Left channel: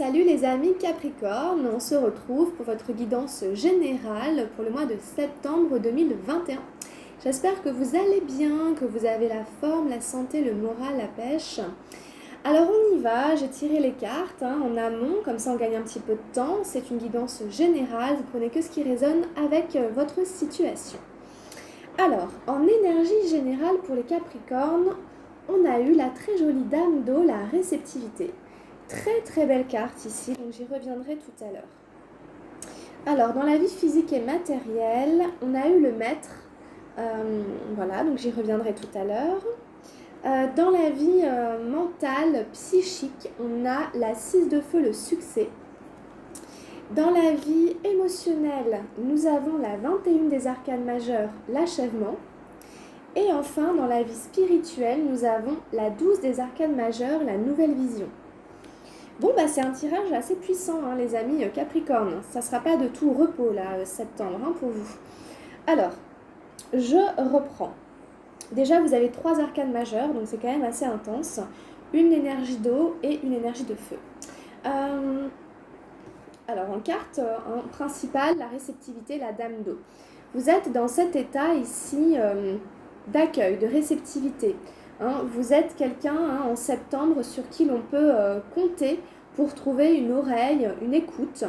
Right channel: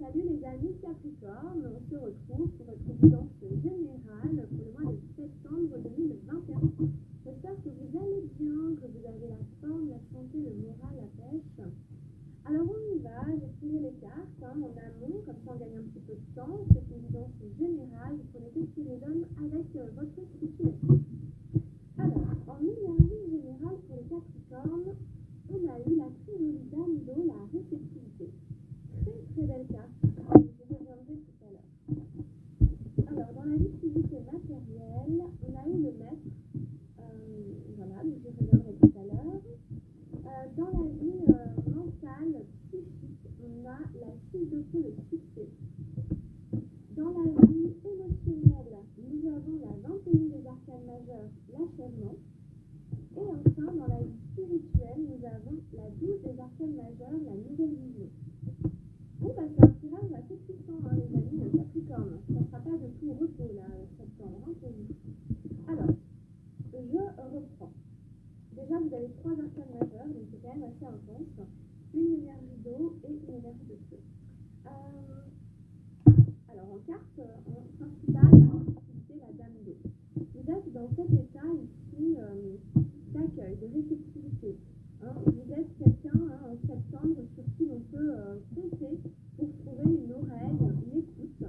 Salut les amis Capricorne, on se retrouve pour votre guidance générale pour le mois de septembre 2021. J'espère que vous allez bien, que vous avez la forme, la santé, le moral, la pêche. Alors on y va, j'ai tiré les cartes en amont, comme ça on gagne un petit peu de temps. C'est une guidance générale, vous prenez que ce qui résonne avec votre situation. Alors, en énergie générale pour les Capricornes, on a eu la très jolie dame d'eau, la réceptivité. Très très belle carte ici, donc j'y reviendrai tout à l'heure. Alors, dans la vie physique et matérielle, on a eu le maître. Voilà, donc j'y reviendrai tout à l'heure. Dans la vie mentale, psychique, on a la 6 de feu, le succès. Dans la vie émotionnelle, nous avons la 21 des arcanes majeures, l'achèvement. Et enfin, dans la vie spirituelle, nous avons la 12 des arcanes majeures, la nouvelle vision. Bon, c'est un tirage assez puissant, les amis Capricorne. Ça ne sera pas de tout repos, là, septembre, pour vous. Alors, je reprends. Déjà, vous avez 3 arcanes majeures, donc c'est quand même assez intense. Une énergie d'eau et une énergie de feu. Alors, en carte principale, la réceptivité, la dame d'eau. Vous êtes dans cet état ici d'accueil, de réceptivité. Vous êtes quelqu'un en septembre sur qui l'on peut compter pour trouver une oreille, une écoute.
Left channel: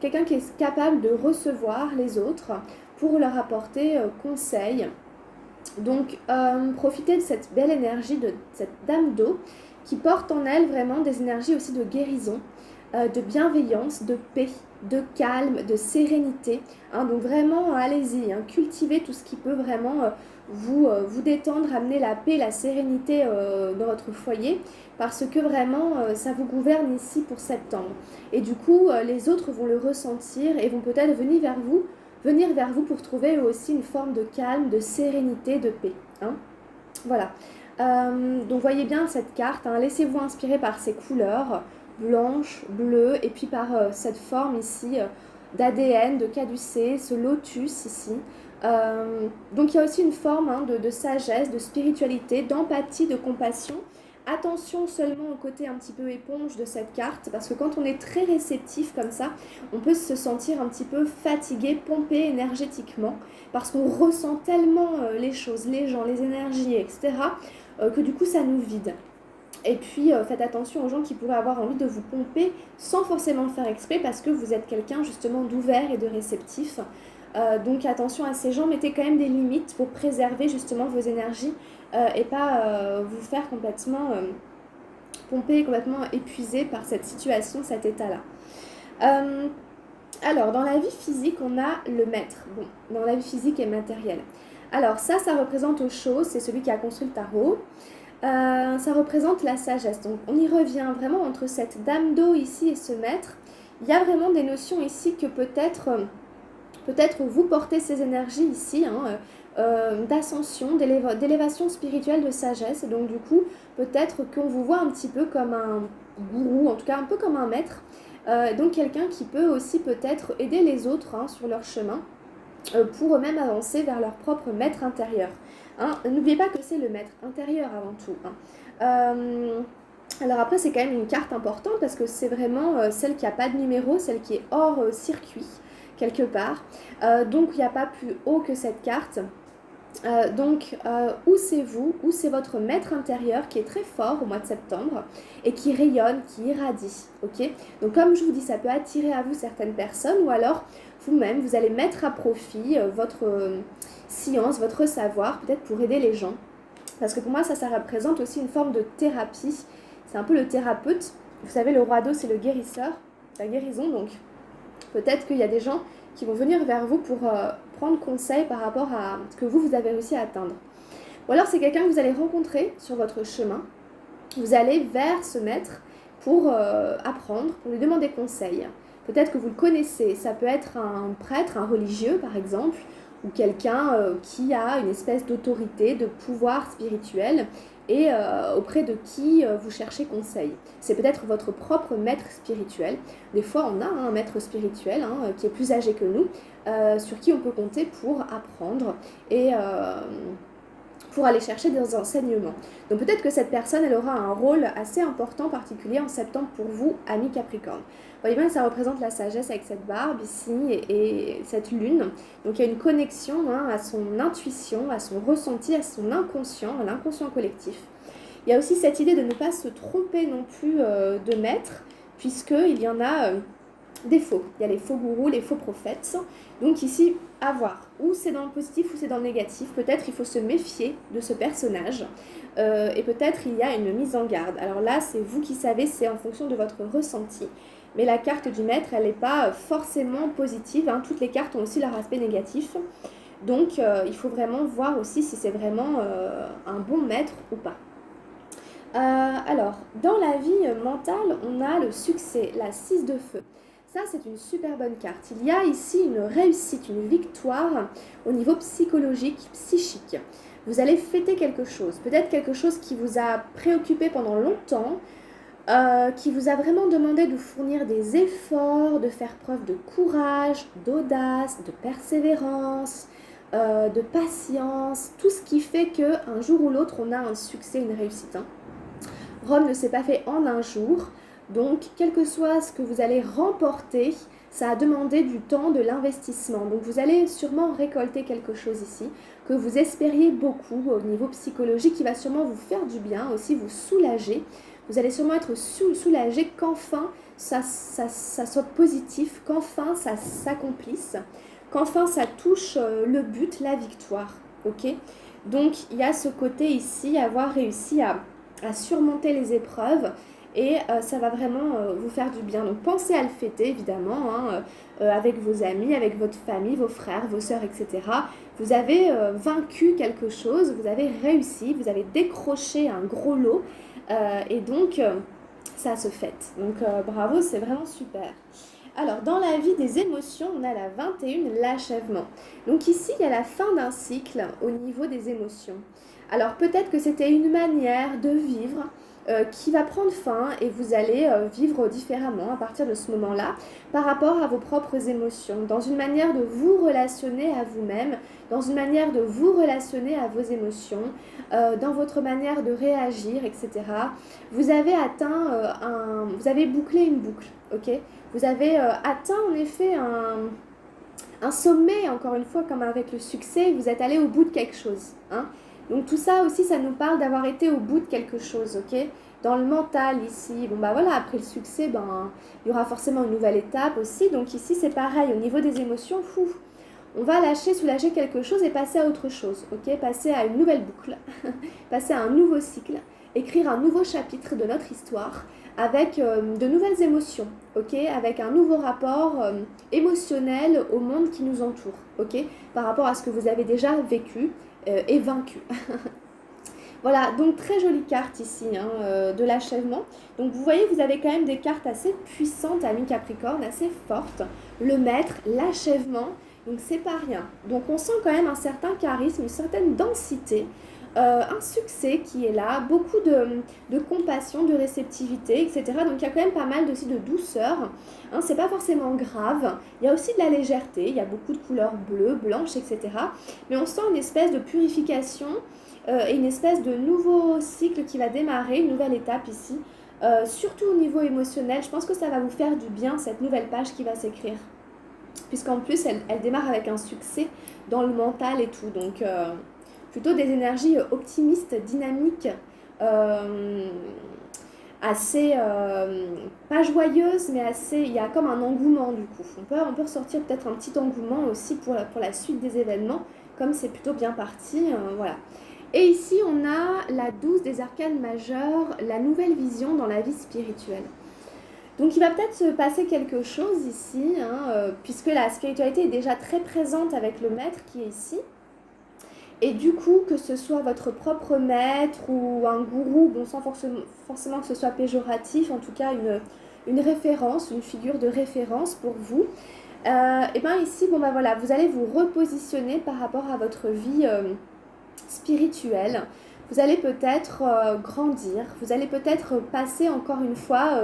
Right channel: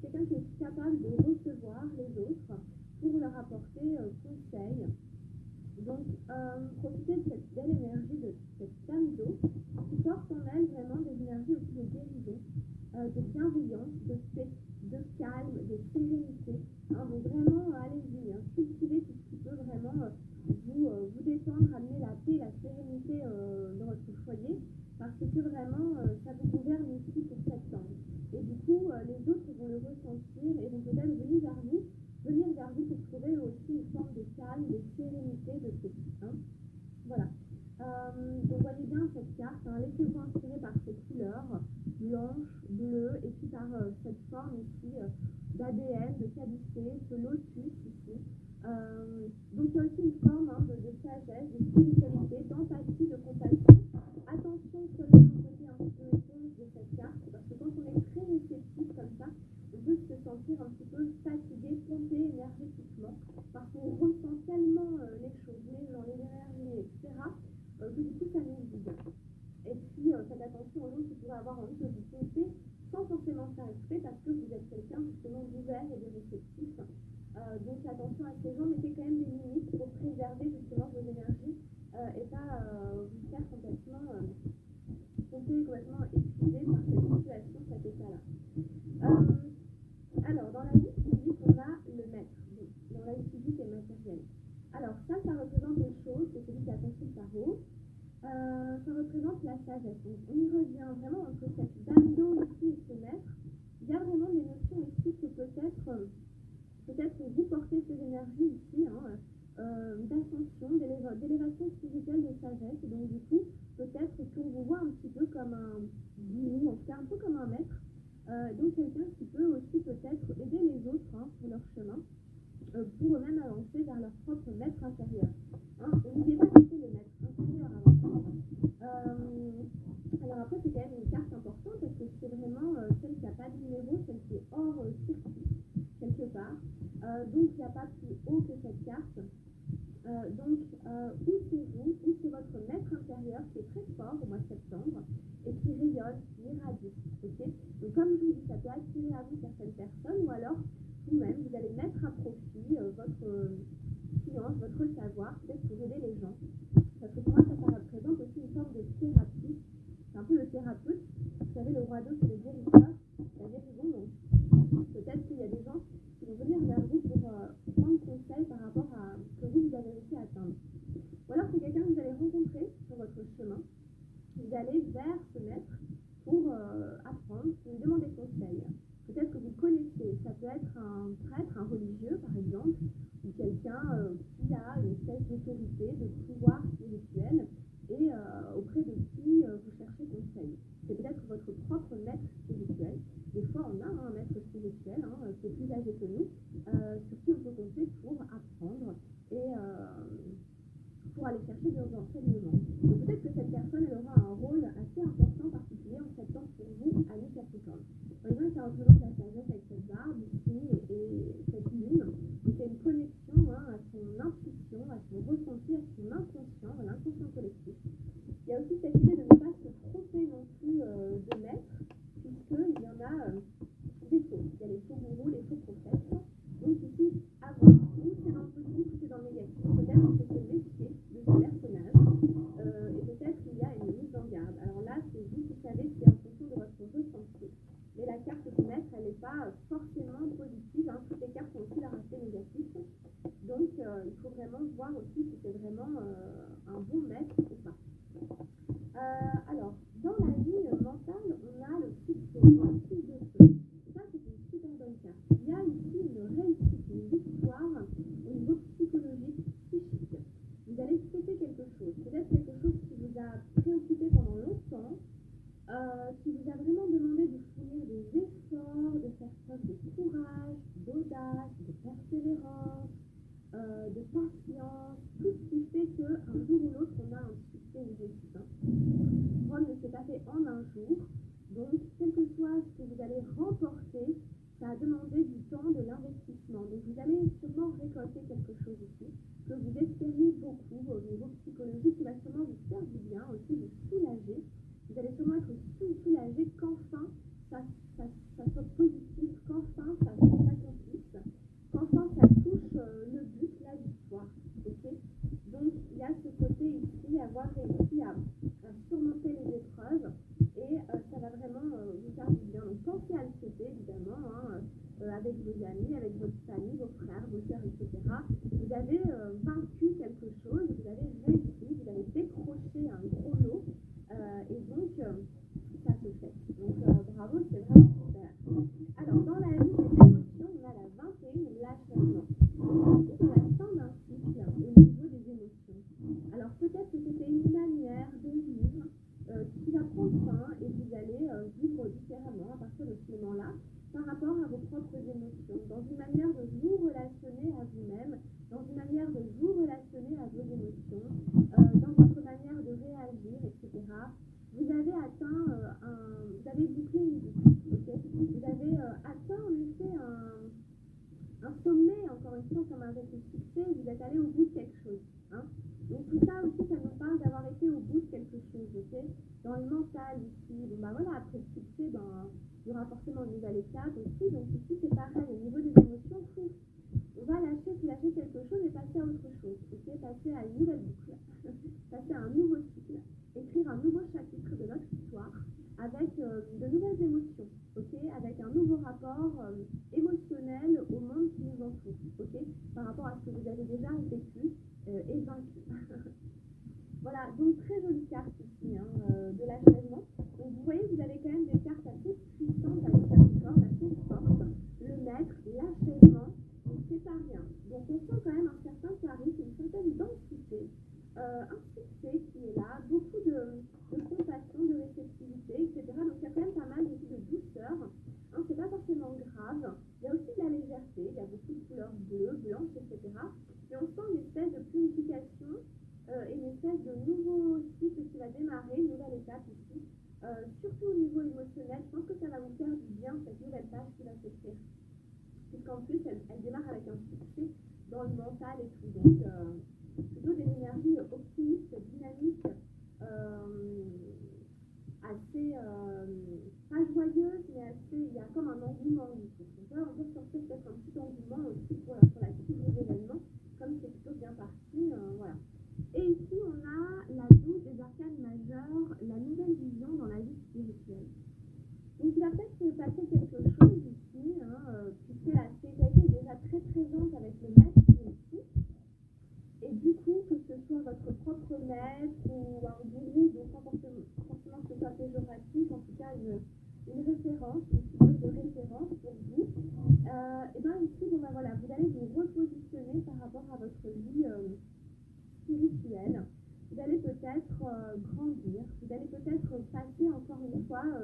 Quelqu'un qui est capable de recevoir les autres pour leur apporter conseil. Donc, profitez de cette belle énergie de cette dame d'eau qui porte en elle vraiment des énergies aussi de guérison, de bienveillance, de paix, de calme, de sérénité. Donc vraiment, allez-y, cultivez tout ce qui peut vraiment vous détendre, amener la paix, la sérénité dans votre foyer, parce que vraiment, ça vous gouverne ici pour septembre. Et du coup, les autres vont le ressentir et vont peut-être venir vers vous pour trouver aussi une forme de calme, de sérénité, de paix. Voilà. Donc voyez bien cette carte, laissez-vous inspirer par ces couleurs, blanche, bleue, et puis par cette forme ici d'ADN, de caducée, ce lotus ici. Donc il y a aussi une forme de sagesse, de spiritualité, d'empathie, de compassion. Attention seulement au côté un petit peu éponge de cette carte, parce que quand on est très réceptif comme ça, on peut se sentir un petit peu fatigué, pompé énergétiquement, parce qu'on ressent tellement les choses, les gens, les énergies, etc., que du coup ça nous vide. Et puis faites attention aux gens qui pourraient avoir envie de vous pomper sans forcément le faire exprès, parce que vous êtes quelqu'un justement d'ouvert et de réceptif. Donc attention à ces gens, mettez quand même des limites pour préserver justement vos énergies et pas vous faire complètement pomper, complètement épuisé par cette situation, cet état-là. Alors, dans la vie physique, on a le maître. Bon, dans la vie physique et matérielle. Alors ça représente aux choses, c'est celui qui a construit le tarot. Ça représente la sagesse. Donc on y revient vraiment entre cette dame d'eau ici et ce maître. Il y a vraiment des notions ici que peut-être vous portez ces énergies ici, d'ascension, d'élévation spirituelle, de sagesse. Et donc du coup, peut-être qu'on vous voit un petit peu comme un gourou, en tout cas un peu comme un maître. Donc quelqu'un qui peut aussi peut-être aider les autres sur leur chemin pour eux-mêmes avancer vers leur propre maître intérieur. N'oubliez pas que c'est le maître intérieur avant tout. Alors après, c'est quand même une carte importante parce que c'est vraiment celle qui n'a pas de numéro, celle qui est hors circuit, quelque part. Donc, il n'y a pas plus haut que cette carte. Où c'est vous, où c'est votre maître intérieur qui est très fort au mois de septembre et qui rayonne, qui irradie. Ok. Donc, comme je vous dis, ça peut attirer à vous certaines personnes ou alors vous-même, vous allez mettre à profit votre science, votre savoir, peut-être pour aider les gens. Parce que pour moi, ça représente aussi une forme de thérapie. C'est un peu le thérapeute. Vous savez, le roi d'eau, c'est le guérisseur, la guérison. Donc, peut-être qu'il y a des gens qui vont venir vers vous pour prendre conseil par rapport à ce que vous avez réussi à atteindre. Ou alors, c'est quelqu'un que vous allez rencontrer sur votre chemin. Vous allez vers ce maître pour apprendre, pour lui demander conseil. Peut-être que vous le connaissez. Ça peut être un prêtre, un religieux, par exemple, ou quelqu'un qui a une espèce d'autorité, de pouvoir spirituel et auprès de qui vous cherchez conseil. C'est peut-être votre propre maître spirituel. Des fois, on a un maître spirituel qui est plus âgé que nous, sur qui on peut compter pour apprendre et pour aller chercher des enseignements. Donc peut-être que cette personne, elle aura un rôle assez important, particulier en septembre pour vous, amis Capricorne. Vous voyez bien que ça représente la sagesse avec cette barbe ici et cette lune. Donc il y a une connexion à son intuition, à son ressenti, à son inconscient, à l'inconscient collectif. Il y a aussi cette idée de ne pas se tromper non plus de maître, puisqu'il y en a des faux. Il y a les faux gourous, les faux prophètes. Donc ici, à voir. Ou c'est dans le positif ou c'est dans le négatif. Peut-être il faut se méfier de ce personnage. Et peut-être il y a une mise en garde. Alors là, c'est vous qui savez, c'est en fonction de votre ressenti. Mais la carte du maître, elle n'est pas forcément positive. Toutes les cartes ont aussi leur aspect négatif. Donc il faut vraiment voir aussi si c'est vraiment un bon maître ou pas. Alors, dans la vie mentale, on a le succès, la 6 de feu. Ça, c'est une super bonne carte. Il y a ici une réussite, une victoire au niveau psychologique, psychique. Vous allez fêter quelque chose, peut-être quelque chose qui vous a préoccupé pendant longtemps, qui vous a vraiment demandé de fournir des efforts, de faire preuve de courage, d'audace, de persévérance, de patience, tout ce qui fait qu'un jour ou l'autre, on a un succès, une réussite. Rome ne s'est pas fait en un jour, donc quel que soit ce que vous allez remporter, ça a demandé du temps, de l'investissement. Donc vous allez sûrement récolter quelque chose ici, que vous espériez beaucoup au niveau psychologique, qui va sûrement vous faire du bien, aussi vous soulager. Vous allez sûrement être soulagé qu'enfin ça soit positif, qu'enfin ça s'accomplisse, qu'enfin ça touche le but, la victoire. Ok ? Donc il y a ce côté ici, avoir réussi à surmonter les épreuves et ça va vraiment vous faire du bien. Donc pensez à le fêter évidemment, avec vos amis, avec votre famille, vos frères, vos sœurs, etc. Vous avez vaincu quelque chose, vous avez réussi, vous avez décroché un gros lot et donc ça se fête. Donc bravo, c'est vraiment super. Alors, dans la vie des émotions, on a la 21, l'achèvement. Donc ici, il y a la fin d'un cycle au niveau des émotions. Alors peut-être que c'était une manière de vivre qui va prendre fin et vous allez vivre différemment à partir de ce moment-là par rapport à vos propres émotions, dans une manière de vous relationner à vous-même, dans une manière de vous relationner à vos émotions, dans votre manière de réagir, etc. Vous avez atteint vous avez bouclé une boucle, ok ? Vous avez atteint en effet un sommet, encore une fois, comme avec le succès, vous êtes allé au bout de quelque chose. Donc tout ça aussi, ça nous parle d'avoir été au bout de quelque chose, ok ? Dans le mental ici, voilà, après le succès, il y aura forcément une nouvelle étape aussi. Donc ici, c'est pareil, au niveau des émotions, on va soulager quelque chose et passer à autre chose, ok ? Passer à une nouvelle boucle, passer à un nouveau cycle, écrire un nouveau chapitre de notre histoire avec de nouvelles émotions, ok ? Avec un nouveau rapport émotionnel au monde qui nous entoure, ok ? Par rapport à ce que vous avez déjà vécu et vaincu. Voilà, donc très jolie carte ici de l'achèvement. Donc vous voyez, vous avez quand même des cartes assez puissantes à mi-Capricorne, assez fortes. Le maître, l'achèvement, donc c'est pas rien. Donc on sent quand même un certain charisme, une certaine densité, un succès qui est là, beaucoup de compassion, de réceptivité, etc. Donc il y a quand même pas mal aussi de douceur. C'est pas forcément grave. Il y a aussi de la légèreté, il y a beaucoup de couleurs bleues, blanches, etc. Mais on sent une espèce de purification et une espèce de nouveau cycle qui va démarrer, une nouvelle étape ici, surtout au niveau émotionnel. Je pense que ça va vous faire du bien, cette nouvelle page qui va s'écrire, puisqu'en plus elle démarre avec un succès dans le mental et tout, donc plutôt des énergies optimistes, dynamiques, assez, pas joyeuses, mais assez, il y a comme un engouement du coup. On peut ressortir peut-être un petit engouement aussi pour la suite des événements, comme c'est plutôt bien parti, voilà. Et ici, on a la 12 des arcanes majeures, la nouvelle vision dans la vie spirituelle. Donc il va peut-être se passer quelque chose ici, puisque la spiritualité est déjà très présente avec le maître qui est ici. Et du coup, que ce soit votre propre maître ou un gourou, sans forcément que ce soit péjoratif, en tout cas une référence, une figure de référence pour vous, et bien ici, voilà, vous allez vous repositionner par rapport à votre vie spirituelle. Vous allez peut-être grandir, vous allez peut-être passer encore une fois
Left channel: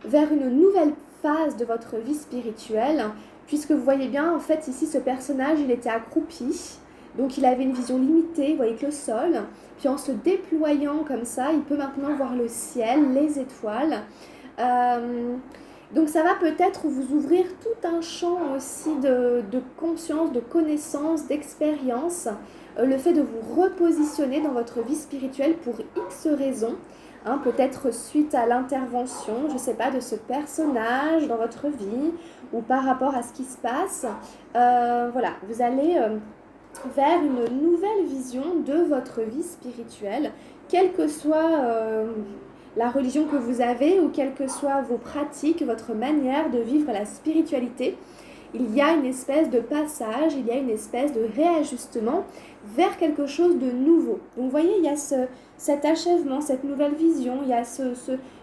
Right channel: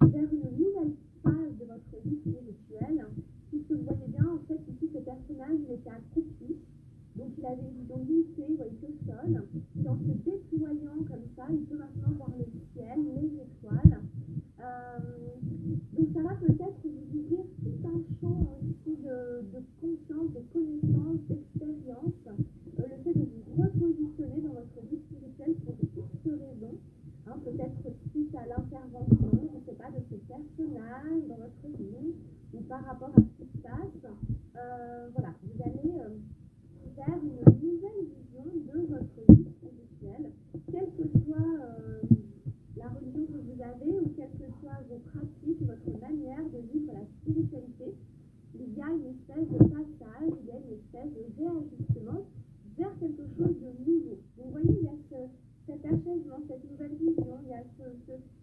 vers une nouvelle phase de votre vie spirituelle, puisque vous voyez bien, en fait, ici, ce personnage, il était accroupi, Donc il avait une vision limitée, vous voyez que le sol, puis en se déployant comme ça, il peut maintenant voir le ciel, les étoiles. Donc ça va peut-être vous ouvrir tout un champ aussi de conscience, de connaissance, d'expérience. Le fait de vous repositionner dans votre vie spirituelle pour X raisons, hein, peut-être suite à l'intervention, je ne sais pas, de ce personnage dans votre vie ou par rapport à ce qui se passe. Voilà, vous allez vers une nouvelle vision de votre vie spirituelle, quelle que soit la religion que vous avez ou quelles que soient vos pratiques, votre manière de vivre la spiritualité. Il y a une espèce de passage, il y a une espèce de réajustement vers quelque chose de nouveau. Donc vous voyez, il y a cet achèvement, cette nouvelle vision, il y a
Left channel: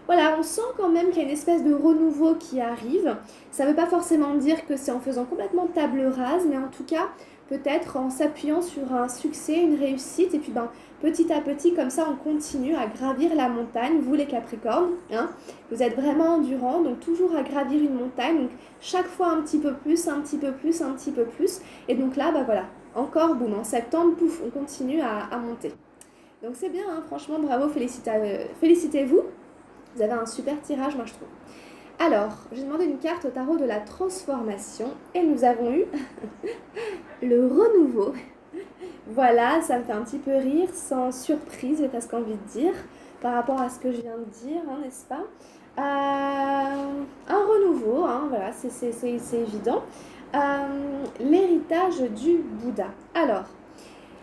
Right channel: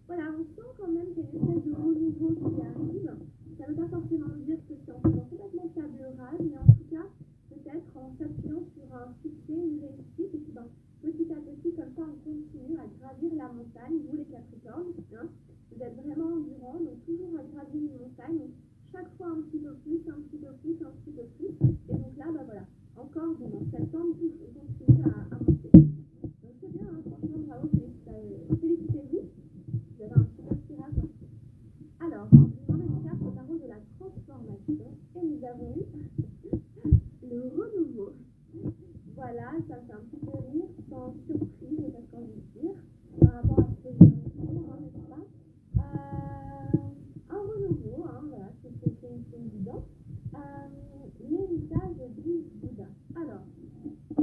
voilà, on sent quand même qu'il y a une espèce de renouveau qui arrive. Ça ne veut pas forcément dire que c'est en faisant complètement table rase, mais en tout cas, peut-être en s'appuyant sur un succès, une réussite, et puis petit à petit, comme ça, on continue à gravir la montagne, vous les Capricornes, hein, vous êtes vraiment endurants, donc toujours à gravir une montagne, donc chaque fois un petit peu plus, un petit peu plus, un petit peu plus, et donc là, voilà, encore boum, en septembre, pouf, on continue à monter. Donc c'est bien, hein, franchement, bravo, félicitez-vous, vous avez un super tirage, moi je trouve. Alors, j'ai demandé une carte au tarot de la transformation et nous avons eu le renouveau. Voilà, ça me fait un petit peu rire, sans surprise, j'ai presque envie de dire, par rapport à ce que je viens de dire, hein, n'est-ce pas ? Un renouveau, hein, voilà, c'est évident. L'héritage du Bouddha. Alors,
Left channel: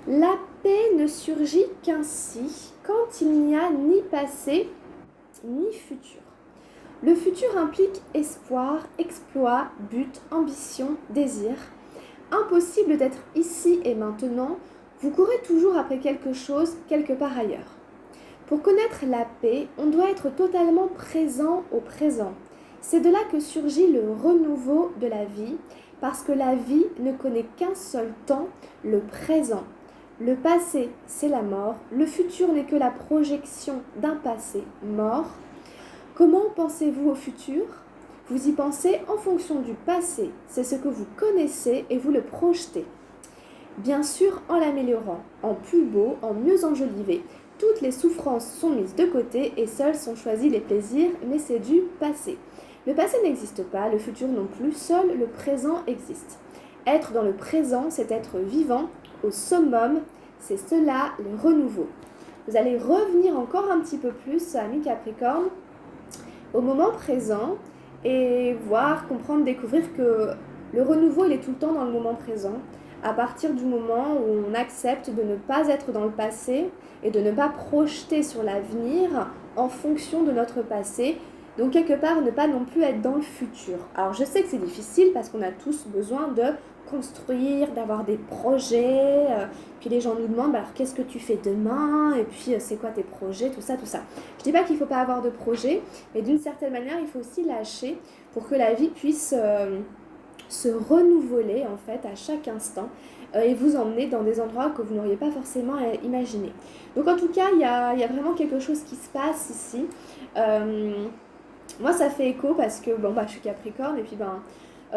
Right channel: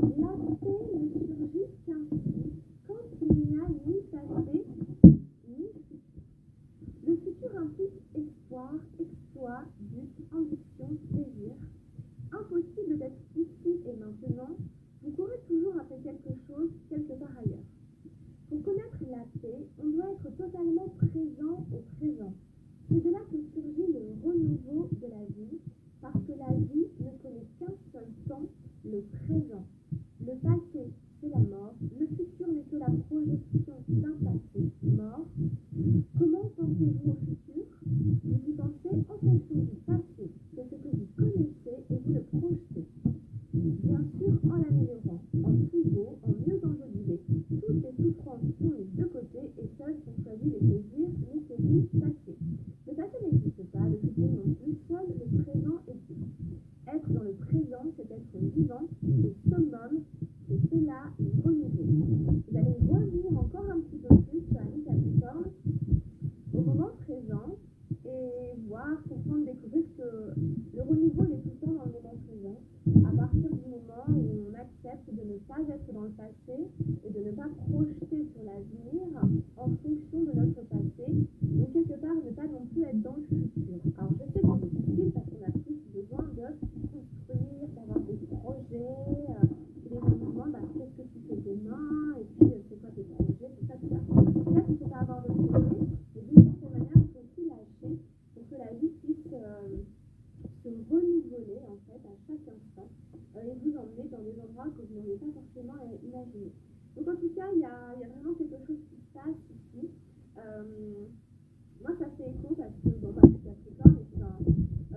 la paix ne surgit qu'ainsi quand il n'y a ni passé ni futur. Le futur implique espoir, exploit, but, ambition, désir. Impossible d'être ici et maintenant, vous courez toujours après quelque chose quelque part ailleurs. Pour connaître la paix, on doit être totalement présent au présent. C'est de là que surgit le renouveau de la vie, parce que la vie ne connaît qu'un seul temps, le présent. Le passé, c'est la mort. Le futur n'est que la projection d'un passé mort. Comment pensez-vous au futur ? Vous y pensez en fonction du passé. C'est ce que vous connaissez et vous le projetez. Bien sûr, en l'améliorant, en plus beau, en mieux enjolivé. Toutes les souffrances sont mises de côté et seuls sont choisis les plaisirs, mais c'est du passé. Le passé n'existe pas, le futur non plus, seul le présent existe. Être dans le présent, c'est être vivant au summum, c'est cela le renouveau. Vous allez revenir encore un petit peu plus, amis Capricorne, au moment présent et voir, comprendre, découvrir que le renouveau, il est tout le temps dans le moment présent, à partir du moment où on accepte de ne pas être dans le passé et de ne pas projeter sur l'avenir en fonction de notre passé, donc quelque part ne pas non plus être dans le futur. Alors je sais que c'est difficile parce qu'on a tous besoin de construire, d'avoir des projets, puis les gens nous demandent alors qu'est-ce que tu fais demain, et puis c'est quoi tes projets, tout ça. Je dis pas qu'il ne faut pas avoir de projet, mais d'une certaine manière il faut aussi lâcher pour que la vie puisse se renouveler en fait à chaque instant et vous emmener dans des endroits que vous n'auriez pas forcément imaginé. Donc en tout cas, il y a vraiment quelque chose qui se passe ici. Moi, ça fait écho parce que je suis Capricorne et puis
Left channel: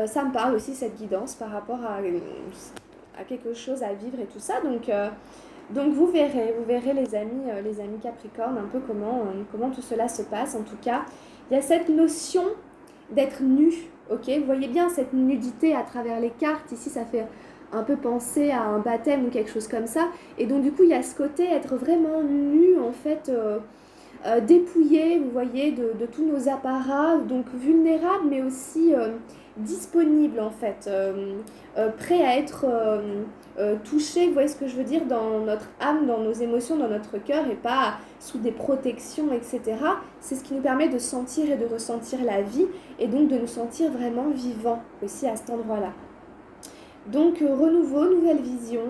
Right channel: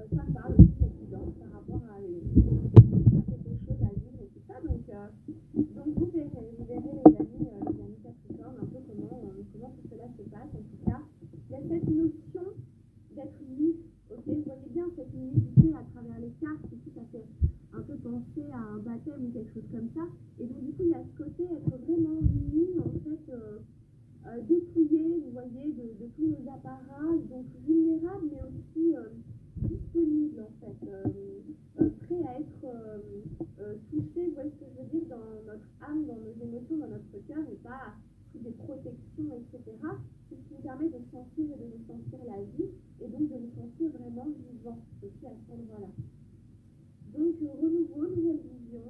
ça me parle aussi cette guidance par rapport à quelque chose à vivre et tout ça. Donc vous verrez les amis Capricorne, un peu comment tout cela se passe. En tout cas, il y a cette notion d'être nu. Ok, vous voyez bien cette nudité à travers les cartes. Ici, ça fait un peu penser à un baptême ou quelque chose comme ça. Et donc, du coup, il y a ce côté être vraiment nu, en fait, dépouillé, vous voyez, de tous nos apparats, donc vulnérable, mais aussi disponible, en fait, prêt à être touché, vous voyez ce que je veux dire, dans notre âme, dans nos émotions, dans notre cœur, et pas sous des protections, etc. C'est ce qui nous permet de sentir et de ressentir la vie, et donc de nous sentir vraiment vivants aussi à cet endroit-là. Donc renouveau, nouvelle vision,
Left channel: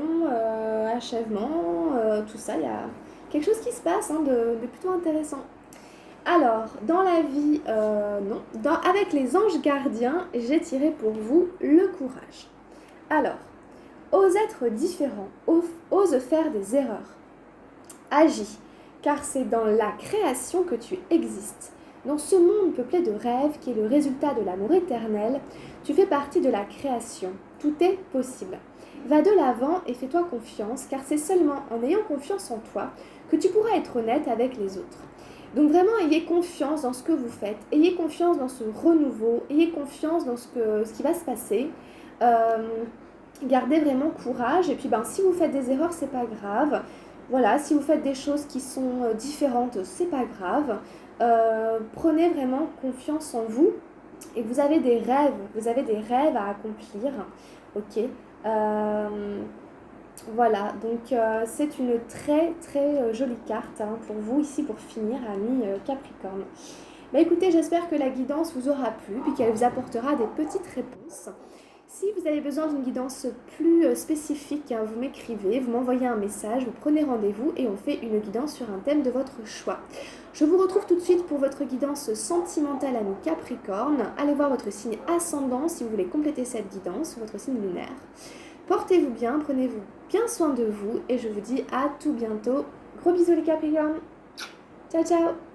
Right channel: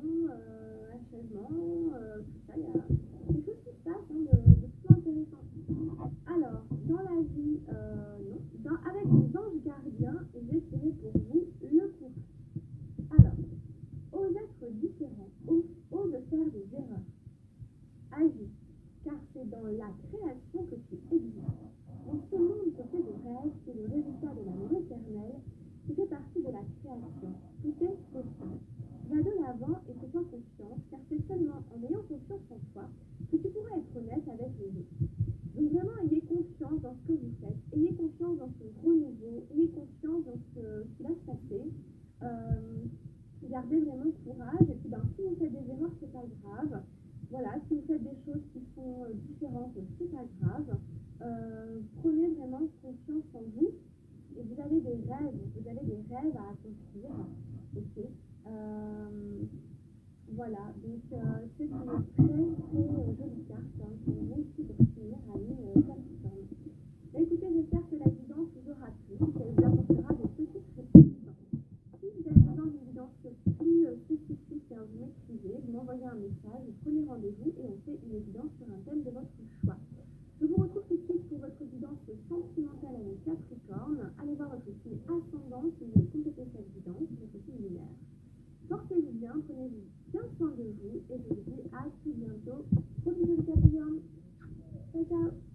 achèvement, tout ça, il y a quelque chose qui se passe de plutôt intéressant. Alors, dans la vie, avec les anges gardiens, j'ai tiré pour vous le courage. Alors, ose être différent, ose faire des erreurs. Agis, car c'est dans la création que tu existes. Dans ce monde peuplé de rêves qui est le résultat de l'amour éternel, tu fais partie de la création. Tout est possible. Va de l'avant et fais-toi confiance, car c'est seulement en ayant confiance en toi que tu pourras être honnête avec les autres. Donc vraiment, ayez confiance dans ce que vous faites, ayez confiance dans ce renouveau, ayez confiance dans ce qui va se passer. Gardez vraiment courage, et puis si vous faites des erreurs, c'est pas grave. Voilà, si vous faites des choses qui sont différentes, c'est pas grave. Prenez vraiment confiance en vous, et vous avez des rêves à accomplir, ok. Voilà, donc c'est une très très jolie carte pour vous ici pour finir, ami Capricorne. Écoutez, j'espère que la guidance vous aura plu et qu'elle vous apportera des petites réponses. Si vous avez besoin d'une guidance plus spécifique, vous m'écrivez, vous m'envoyez un message, vous prenez rendez-vous et on fait une guidance sur un thème de votre choix. Je vous retrouve tout de suite pour votre guidance sentimentale, ami Capricorne. Allez voir votre signe ascendant si vous voulez compléter cette guidance, votre signe lunaire. Portez-vous bien, prenez-vous bien soin de vous et je vous dis à tout bientôt. Gros bisous les Capricornes. Ciao ciao.